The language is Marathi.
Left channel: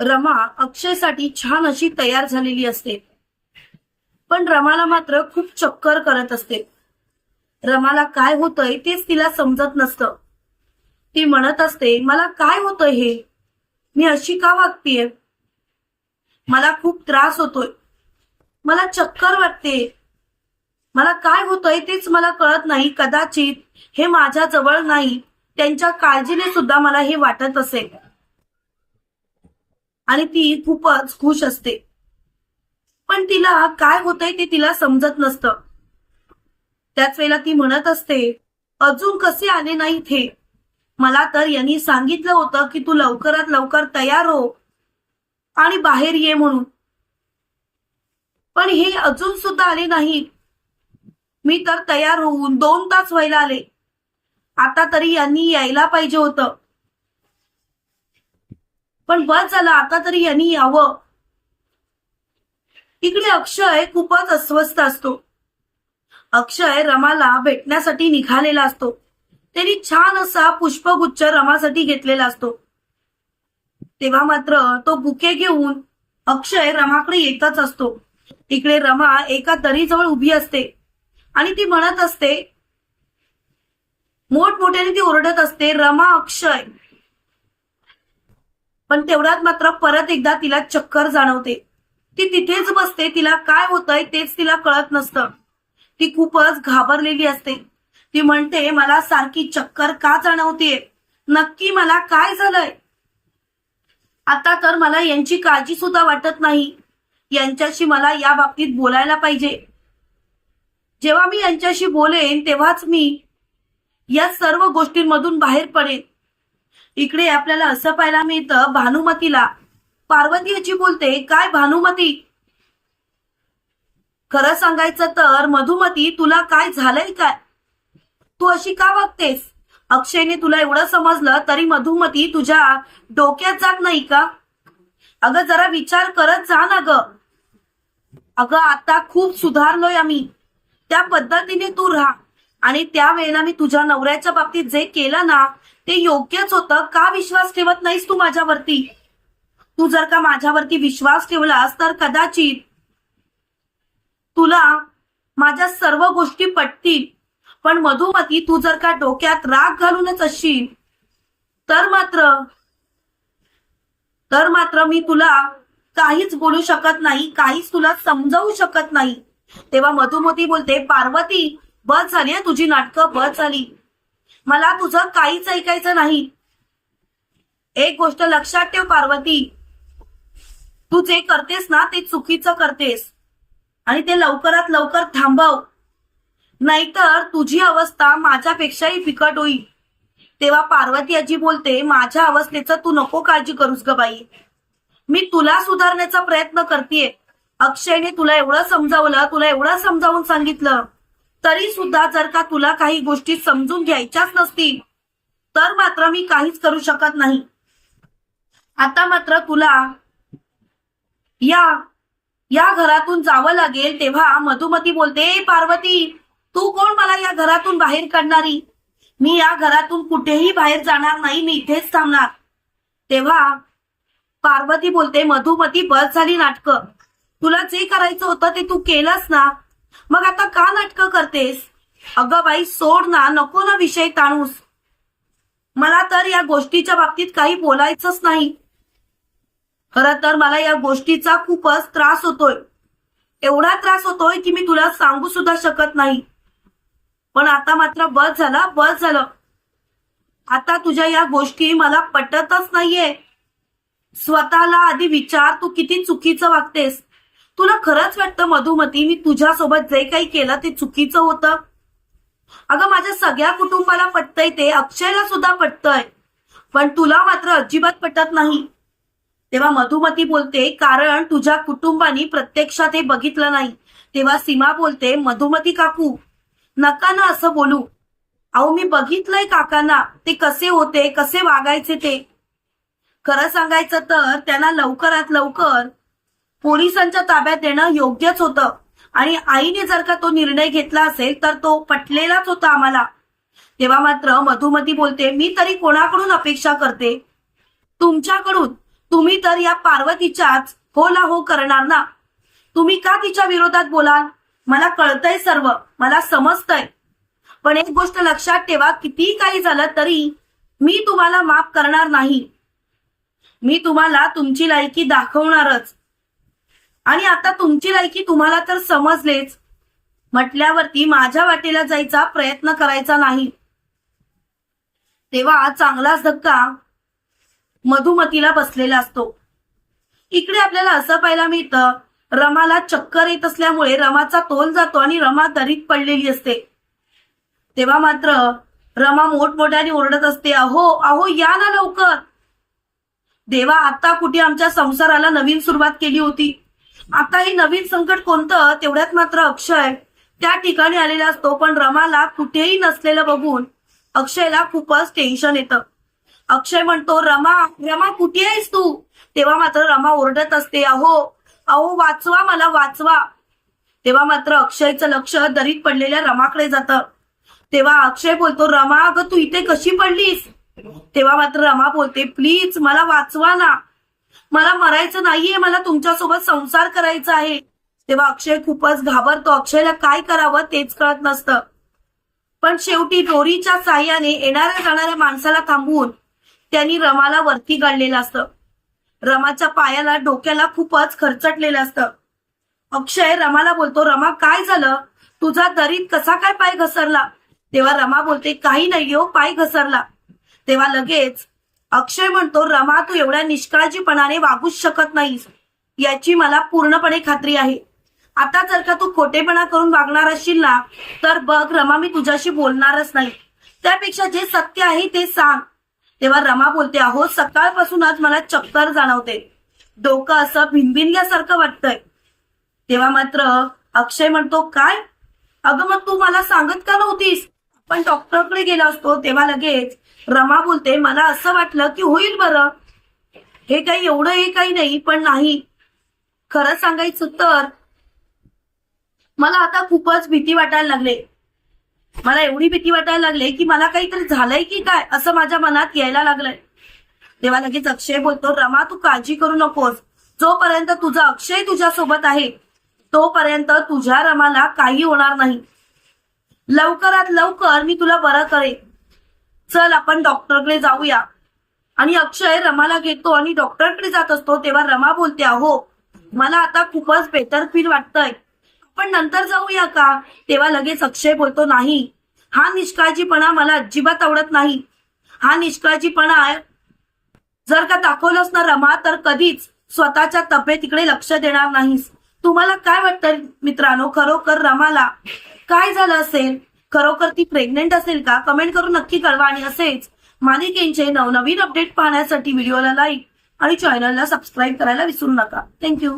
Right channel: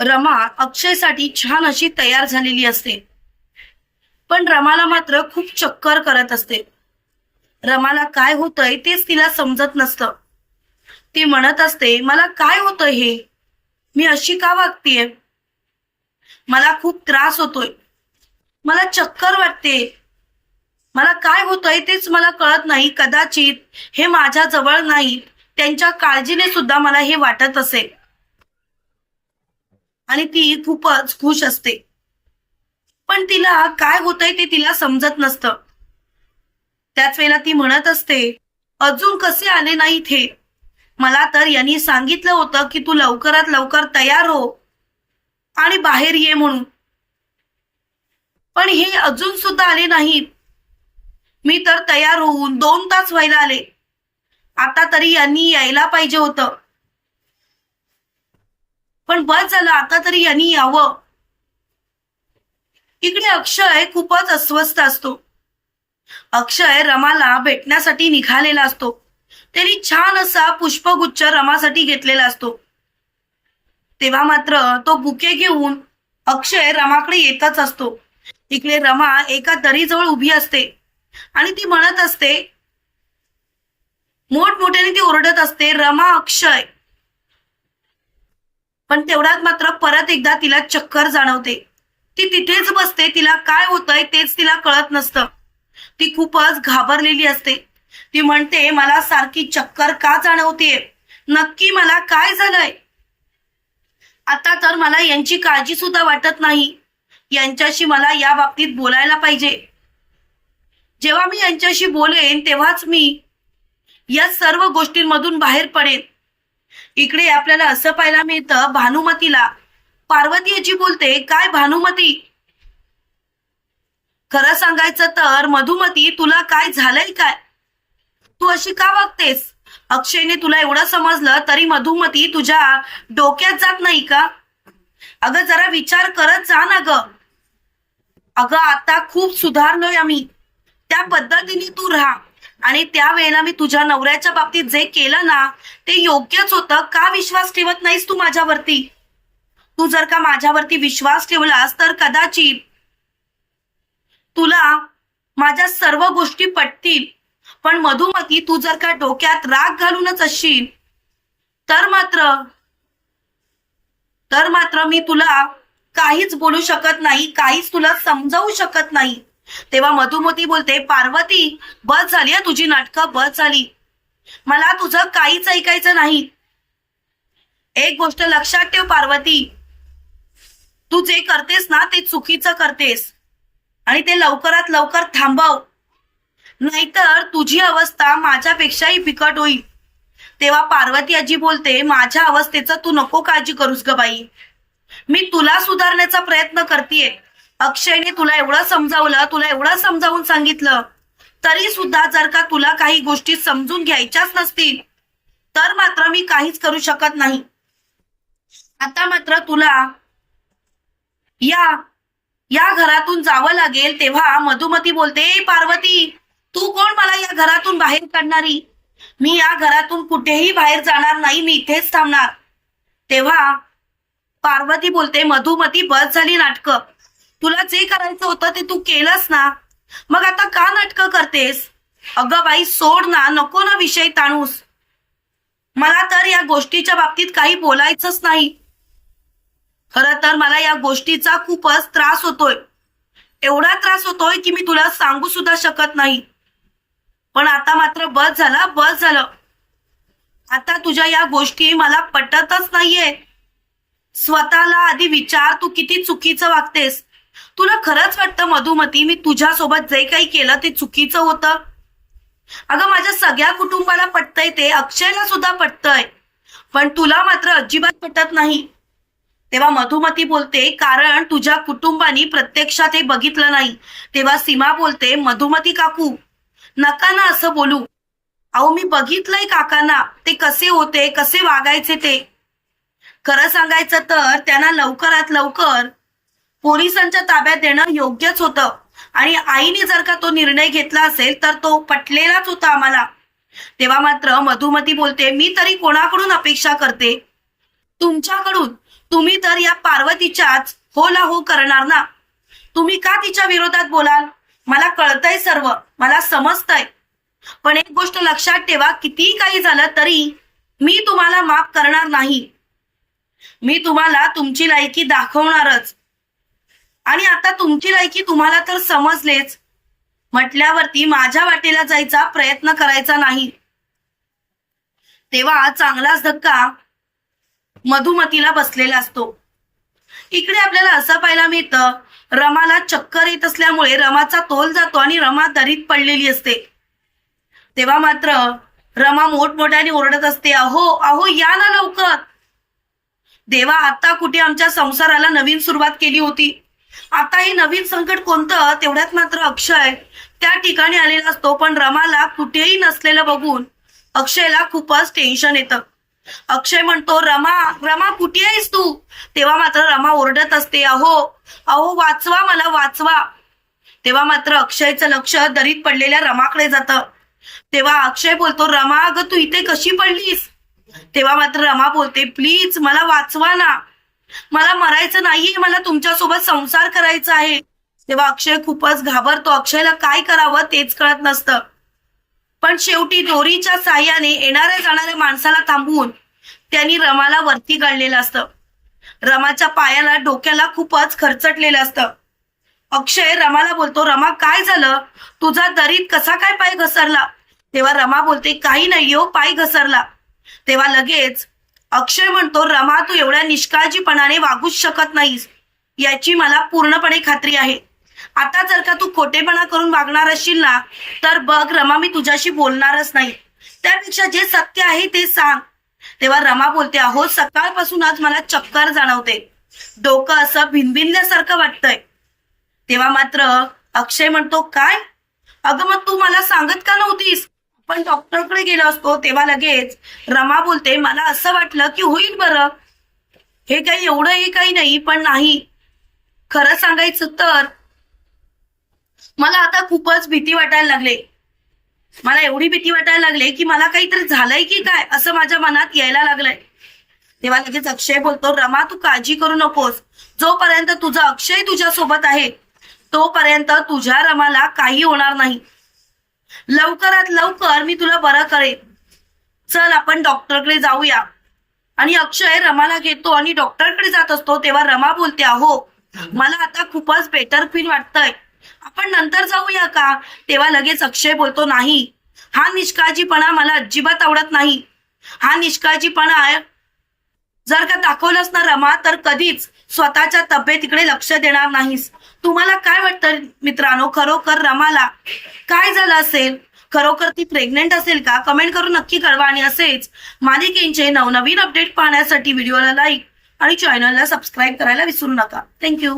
रमा अक्षयसाठी छान अशी तयार झालेली असते. पण रमाला मात्र खूप चक्कर करत असते. रमाला काय होतंय तेच तिला समजत नसतं. ती म्हणत असते मला काय होतंय हे? मी अशी का वागतीये? मला खूप त्रास होतोय. मला चक्कर वाटते मला काय होतंय तेच मला कळत नाही कदाचित हे माझ्या जवळ नाही. त्यांच्या काळजीने सुद्धा मला हे वाटत असेल आणि ती खूपच खुश असते. पण तिला काय होतंय ते तिला समजत नसतं. त्याच वेळेला ती म्हणत असते अजून कसे आले नाहीत हे मला तर यांनी सांगितलं होतं की तू लवकरात लवकर तयार हो आणि बाहेर ये म्हणून. पण हे अजून सुद्धा आले नाहीत मी तर तयार होऊन दोन तास व्हायला आले. आता तरी यांनी यायला पाहिजे होतं. पण बस झालं आता तरी यांनी यावं. इकडे अक्षय खूपच अस्वस्थ असतो. अक्षय रमाला भेटण्यासाठी निघालेला असतो. त्यांनी छान असा पुष्पगुच्छ रमासाठी घेतलेला असतो. तेव्हा मात्र तो बुके घेऊन अक्षय रमाकडे येतच असतो. इकडे रमा एका दरीजवळ उभी असते आणि ती म्हणत असते मोठमोठ्याने ती ओरडत असते रमा अक्षय पण तेवढ्यात मात्र परत एकदा तिला चक्कर जाणवते. ती तिथेच बसते तिला काय होतंय तेच तिला कळत नसतं. ती खूपच घाबरलेली असते. ती म्हणते मला सारखी चक्कर का जाणवतीये? नक्की मला काय झालंय? आता तर मला यांची काळजी सुद्धा वाटत नाही. यांच्याशी मला या बाबतीत बोलायला पाहिजे. जेव्हा मी यांच्याशी बोलेन तेव्हाच मी या सर्व गोष्टींमधून बाहेर पडेन. इकडे आपल्याला असं पाहायला मिळतं भानुमतीला. पार्वती याची बोलते काय भानुमती? खरं सांगायचं तर मधुमती तुला काय झालंय काय? तू अशी का वागतेस? अक्षयने तुला एवढं समजलं तरी मधुमती तुझ्या डोक्यात जात नाही का? अगं जरा विचार करत जा ना ग. अगं आता खूप सुधारलोय आम्ही. त्या पद्धतीने तू राहा. आणि त्यावेळेला मी तुझ्या नवऱ्याच्या बाबतीत जे केलं ना ते योग्यच होतं. का विश्वास ठेवत नाहीस तू माझ्यावरती? तू जर का माझ्यावरती विश्वास ठेवलास तर कदाचित तुला माझ्या सर्व गोष्टी पटतील. पण मधुमती तू जर का डोक्यात राग घालूनच असशील तर मात्र तर मात्र मी तुला काहीच बोलू शकत नाही काहीच तुला समजावू शकत नाही. तेव्हा मधुमती बोलते पार्वती बस झाली तुझी नाटकं बस झाली. मला तुझं काहीच ऐकायचं नाही. एक गोष्ट लक्षात ठेव पार्वती. तू जे करतेस ना ते चुकीचं करतेस. आणि ते लवकरात लवकर थांबव. नाहीतर तुझी अवस्था माझ्यापेक्षाही बिकट होईल. तेव्हा पार्वती आजी बोलते माझ्या अवस्थेचं तू नको काळजी करूस ग बाई. मी तुला सुधारण्याचा प्रयत्न करतेय. अक्षयने तुला एवढं समजावलं तुला एवढं समजावून सांगितलं तरी सुद्धा जर का तुला काही गोष्टी समजून घ्यायच्याच नसतील तर मात्र मी काहीच करू शकत नाही. आता मात्र तुला या या घरातून जावं लागेल तेव्हा मधुमती बोलते पार्वती तू कोण मला या घरातून बाहेर काढणारी? मी या घरातून कुठेही बाहेर जाणार नाही मी इथेच थांबणार. तेव्हा पार्वती बोलते मधुमती बस झाली नाटकं. तुला जे करायचं होतं ते तू केलंस ना. मग आता का नाटकं करतेस? अगं बाई सोड ना नको ना विषय ताणूस. मला तर या गोष्टीच्या बाबतीत काही बोलायचंच नाही. खरं तर मला या गोष्टीचा खूपच त्रास होतोय. एवढा त्रास होतोय की मी तुला सांगू सुद्धा शकत नाही. पण आता मात्र बस झाला बस झालं. आता तुझ्या या गोष्टी मला पटतच नाहीये. स्वतःला आधी विचार तू किती चुकीचं वागतेस? तुला खरंच वाटतं मधुमती मी तुझ्यासोबत जे काही केलं ते चुकीचं होतं? अगं माझ्या सगळ्या कुटुंबाला पटतंय ते अक्षयला सुद्धा पटतंय. पण तुला मात्र अजिबात पटत नाही. तेव्हा मधुमती बोलते कारण तुझ्या कुटुंबानी प्रत्यक्षात हे बघितलं नाही. तेव्हा सीमा बोलते मधुमती काकू नका ना असं बोलू. अहो मी बघितलंय काकांना ते कसे होते कसे वागायचे ते. खरं सांगायचं तर त्यांना लवकरात लवकर पोलिसांच्या ताब्यात देणं योग्यच होतं. आणि आईने जर का तो निर्णय घेतला असेल तर तो पटलेलाच होता आम्हाला. तेव्हा मात्र मधुमती बोलते मी तरी कोणाकडून अपेक्षा करते? तुमच्याकडून? तुम्ही तर या पार्वतीच्याच हो ला हो करणार ना? तुम्ही का तिच्या विरोधात बोलाल? मला कळतंय सर्व मला समजतंय. पण एक गोष्ट लक्षात ठेवा कितीही काही झालं तरी मी तुम्हाला माफ करणार नाही. मी तुम्हाला तुमची लायकी दाखवणारच. आणि आता तुमची लायकी तुम्हाला तर समजलेच. म्हटल्यावरती माझ्या वाटेला जायचा प्रयत्न करायचा नाही. तेव्हा चांगलाच धक्का मधुमतीला बसलेला असतो. इकडे आपल्याला असं पाहायला मिळतं रमाला चक्कर येत असल्यामुळे रमाचा तोल जातो आणि रमा दरीत पडलेली असते. तेव्हा मात्र रमा मोठमोठ्याने ओरडत असते अहो अहो या ना लवकर. देवा आता कुठे आमच्या संसाराला नवीन सुरुवात केली होती? आता हे नवीन संकट कोणतं तेवढ्यात मात्र अक्षय त्या ठिकाणी आलेला असतो पण रमाला कुठेही नसलेलं बघून अक्षयला खूपच टेन्शन येतं. अक्षय म्हणतो रमा रमा कुठे आहेस तू? तेव्हा मात्र रमा ओरडत असते अहो अहो वाचवा मला वाचवा. तेव्हा मात्र अक्षयचं लक्ष दरीत पडलेल्या रमाकडे जातं. तेव्हा अक्षय बोलतो रमा अगं तू इथे कशी पडलीस? तेव्हा मात्र रमा बोलते प्लीज मला वाचवा ना. मला मरायचं नाहीये मला तुमच्यासोबत संसार करायचा आहे. तेव्हा अक्षय खूपच घाबरतो. अक्षयला काय करावं तेच कळत नसतं. पण शेवटी दोरीच्या साह्याने येणाऱ्या जाणाऱ्या माणसाला थांबवून त्यांनी रमाला वरती गाडलेलं असतं. रमाच्या पायाला डोक्याला खूपच खरचटलेलं असतं. अक्षय रमाला बोलतो रमा काय झालं? तुझा दरीत कसा काय पाय घसरला? तेव्हा रमा बोलते काही नाही हो पाय घसरला. तेव्हा लगेच अक्षय म्हणतो रमा तू एवढ्या निष्काळजीपणाने वागूच शकत नाहीस. याची मला पूर्णपणे खात्री आहे. आता जर का तू खोटेपणा करून वागणार असशील ना तर बघ रमा मी तुझ्याशी बोलणारच नाही. त्यापेक्षा जे सत्य आहे ते सांग. तेव्हा रमा बोलते अहो सकाळपासूनच मला चक्कर जाणवते. डोकं असं भिनभिनल्यासारखं वाटतंय. तेव्हा मात्र अक्षय म्हणतो काय? अगं मग तू मला सांगत का नव्हतीस? पण डॉक्टरकडे गेलो असतो तेव्हा लगेच रमा बोलते मला असं वाटलं की होईल बरं. हे काही एवढं हे काही नाही पण नाही. खरं सांगायचं तर मला आता खूपच भीती वाटायला लागले. मला एवढी भीती वाटायला लागले की मला काहीतरी झालंय की काय असं माझ्या मनात यायला लागलंय. तेव्हा लगेच अक्षय बोलतो रमा तू काळजी करू नकोस. जोपर्यंत तुझा अक्षय तुझ्या सोबत आहे तोपर्यंत तुझ्या रमाला काही होणार नाही. लवकरात लवकर मी तुला बरं करेन. चल आपण डॉक्टरकडे जाऊया. आणि अक्षय रमाला घेतो आणि डॉक्टरकडे जात असतो तेव्हा रमा बोलते अहो मला आता खूपच बेटर फील वाटतंय. आपण नंतर जाऊया का? तेव्हा लगेच अक्षय बोलतो नाही. हा निष्काळजीपणा मला अजिबात आवडत नाही. हा निष्काळजीपणा आहे जर का दाखवलंस ना रमा तर कधीच स्वतःच्या तब्येतीकडे लक्ष देणार नाहीस. तुम्हाला काय वाटतं मित्रांनो? खरोखर रमाला काय झालं असेल? खरोखर ती प्रेग्नेंट असेल का? कमेंट करून नक्की कळवा. आणि असेच मालिकेंचे नवनवीन अपडेट पाहण्यासाठी व्हिडिओला लाईक आणि चॅनलला सबस्क्राईब करायला विसरू नका. थँक्यू